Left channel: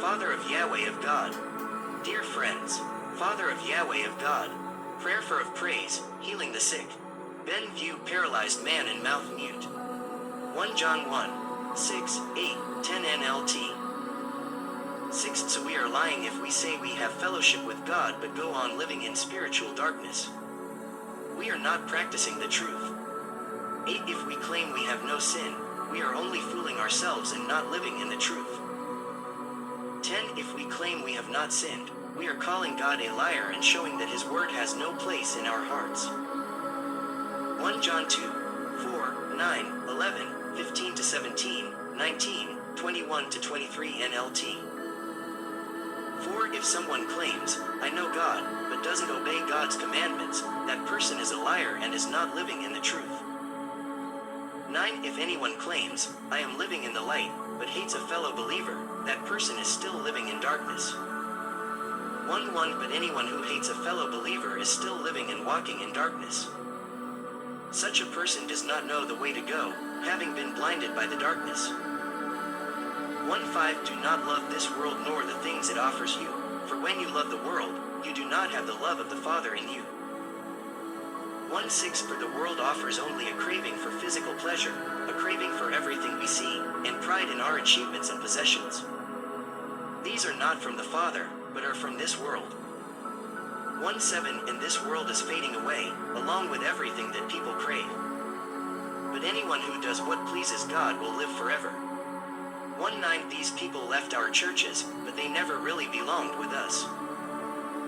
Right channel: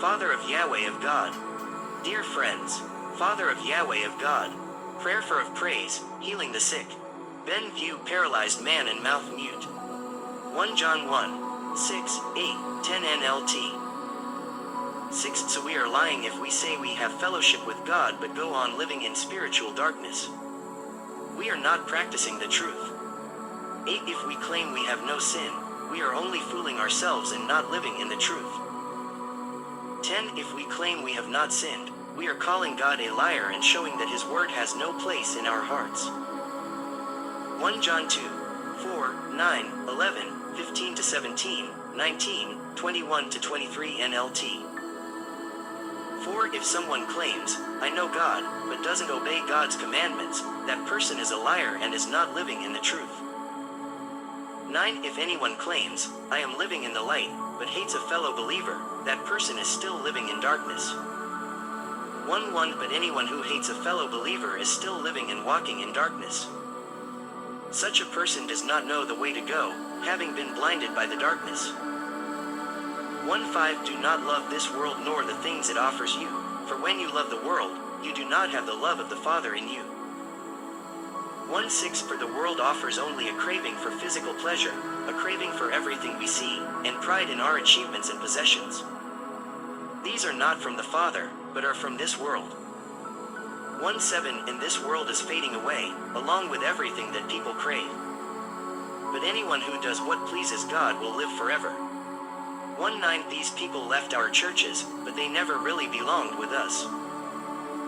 Father of Yahweh of God. Dear friends, Father of Yahweh of God, prayer for of praise, healing the sick. Ben view paralyzed man and mouth mute. 1 John 1, 6, 8, 10 NLT. 6. So we are lying if we say we have fellowship with God but go on living in spiritual darkness. We are not practicing the truth. 8. If we claim we have no sin, we are only fooling ourselves and not living in the truth. 10. If we claim we have not sinned, we are calling God a liar and showing that His word has no place in our hearts. 1 John 2, 4, 9, 11, 15 to 17, 19, 21 to 23 NLT. 4. If someone claims, I know God, but doesn't obey God's commandments, that person is a liar and is not living in the truth. 9. If anyone claims, I am living in the light, but hates a fellow believer, that person is still living in darkness. 1:1 But anyone who hates a fellow believer is still living and walking in darkness. Such a person does not know the way to go, having been blinded by the darkness. 1:5 Do not love this world nor the things it offers you, for when you love the world, you do not have the love of the Father in you. 1:6 For the world offers only a craving for physical pleasure, a craving for everything we see, and pride in our achievements and possessions. These are not from the Father, but are from this world. 1:7 And this world is fading away, along with everything that people crave. But anyone who does what pleases God will live forever. 1:9 These people left our churches, but they never really belonged with us.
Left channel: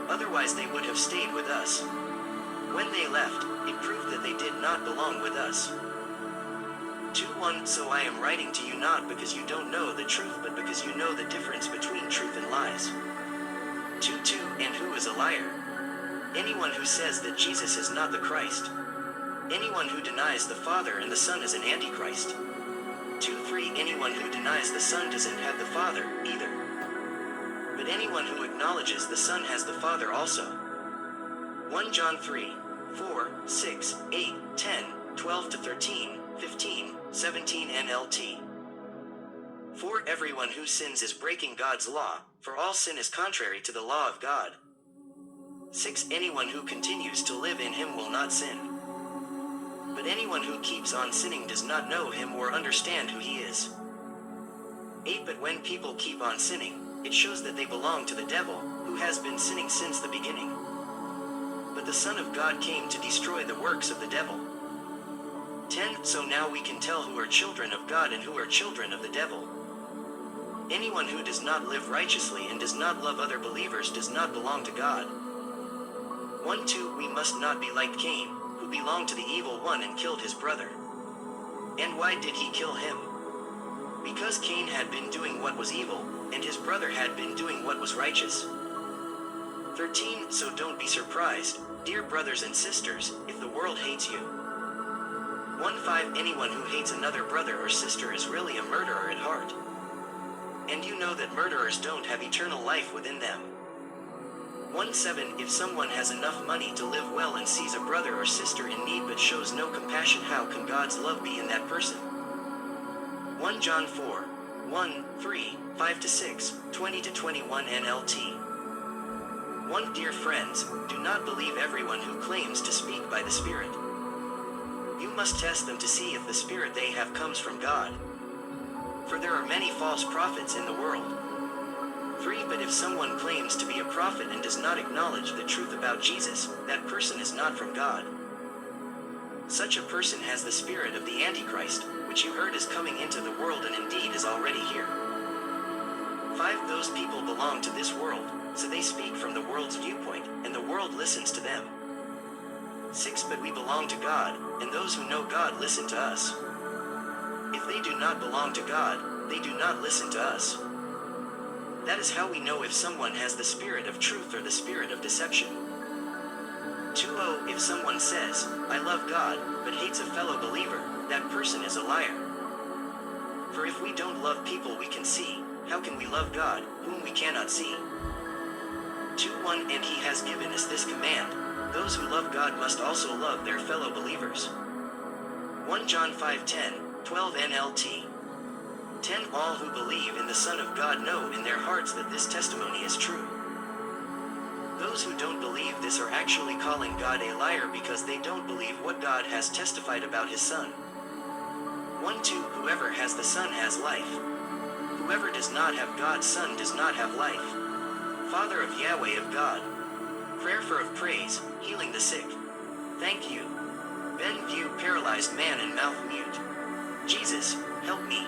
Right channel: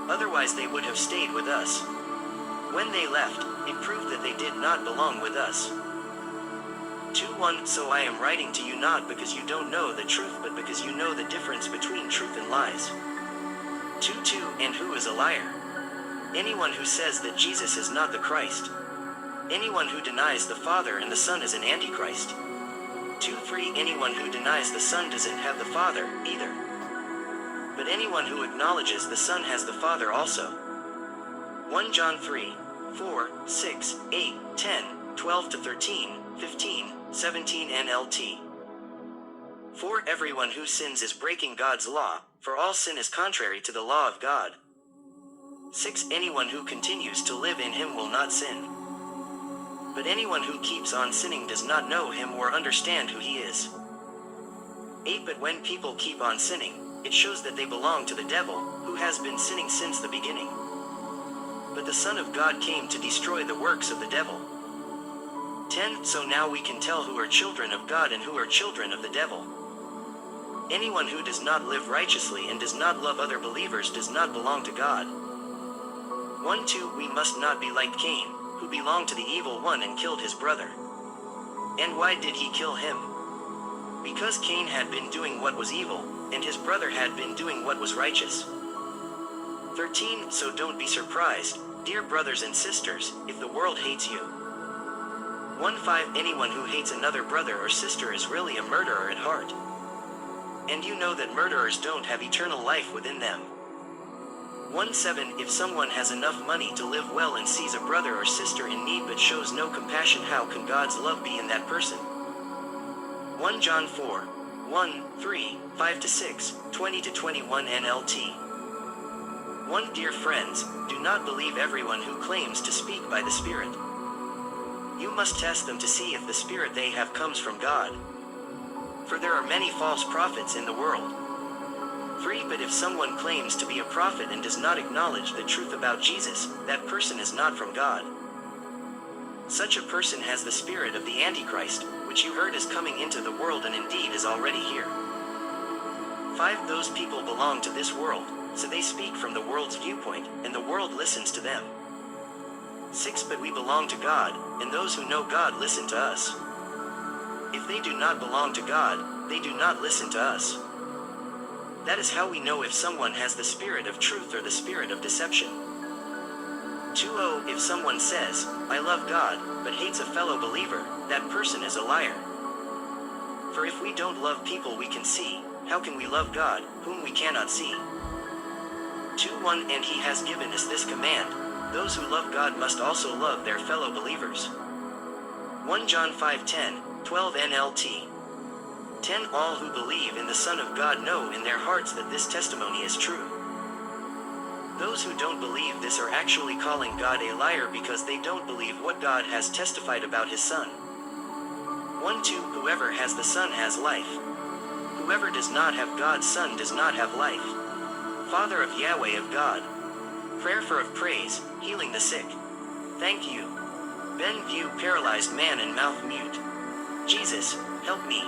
Otherwise they would have stayed with us. When they left, it proved that they did not belong with us. 2:1 So I am writing to you not because you don't know the truth but because you know the difference between truth and lies. 2:2 And who is a liar? Anyone who says that Jesus is not the Christ. Anyone who denies the Father and the Son is an Antichrist. 2:3 Anyone who denies the Son doesn't have the Father, either. But anyone who acknowledges the Son has the Father also. 1 John 3, 4, 6, 8, 10, 12 to 13, 15, 17 NLT. 4 Everyone who sins is breaking God's law, for all sin is contrary to the law of God. 6 Anyone who continues to live in Him will not sin. But anyone who keeps on sinning does not know Him or understand who He is. 8 But when people keep on sinning, it shows that they belong to the devil, who has been sinning since the beginning. But the Son of God came to destroy the works of the devil. 10 So now we can tell who are children of God and who are children of the devil. Anyone who does not live righteously and does not love other believers does not belong to God. 1:2 We must not be like Cain, who belonged to the evil one and killed his brother. And why did he kill him? Because Cain had been doing what was evil, and his brother had been doing what was righteous. 13 So don't be surprised, dear brothers and sisters, if the world hates you. 1:5 Anyone who hates another brother or sister is really a murderer at heart. And you know that murderers don't have eternal life within them. 1:7 If someone has enough money to live well and sees a brother or sister in need but shows no compassion, how can God's love be in that person? 1 John 4, 1, 3, 5 to 6, 20 to 21 NLT. 1 Dear friends, do not believe everyone who claims to speak by the Spirit. You must test them to see if the Spirit they have comes from God. For there are many false prophets in the world. 3 But if someone claims to be a prophet and does not acknowledge the truth about Jesus, that person is not from God. Such a person has the spirit of the Antichrist, which you heard is coming into the world and indeed is already here. 5 Those people belong to this world, so they speak from the world's viewpoint, and the world listens to them. 6 But we belong to God, and those who know God listen to us. If they do not belong to God, they do not listen to us. That is how we know if someone has the spirit of truth or the spirit of deception. 2 If someone says, I love God, but hates a fellow believer, that person is a liar. For if we don't love people we can see, how can we love God, whom we cannot see? 2:1 And He has given us this command, those who love God must also love their fellow believers. 1 John 5:10, 12 NLT. 10. All who believe in the Son of God know in their hearts that this testimony is true. Those who don't believe this are actually calling God a liar because they don't believe what God has testified about his Son. 1. 2. Whoever has the Son has life. Whoever does not have God's Son does not have life. Father of Yahweh of God. Prayer for of praise, healing the sick. Thank you. Ben View paralyzed man and mouth mute. Jesus, help me.